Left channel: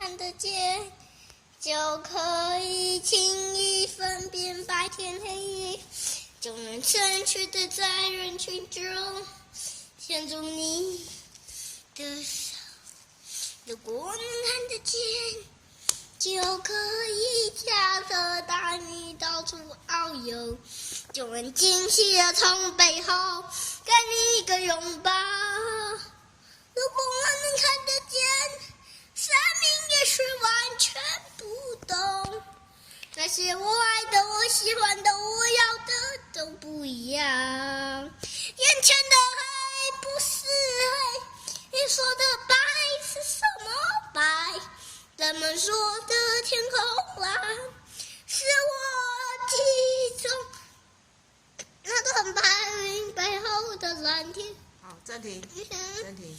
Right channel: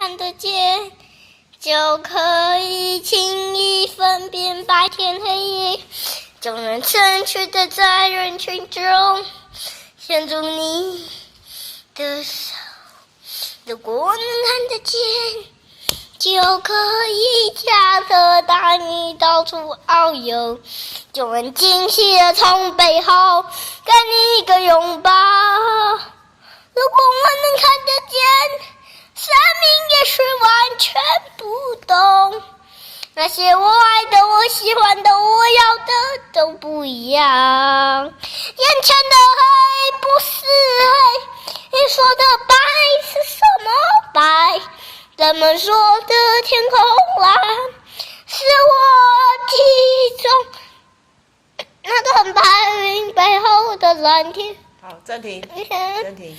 看得见，就可以轻易分辨白天黑夜，就能正确的在人群中牵住你的手。如果能看得见，就可以驾车带你到处遨游，就能惊喜的从背后给你一个拥抱。如果我能看得见，生命也许完全不同。那些我爱的、我喜欢的、我要的都不一样。眼前的黑不是黑，你说的白是什么白？人们说的天空蓝，是我记中那团白云背后的蓝天。好，暂停，暂停。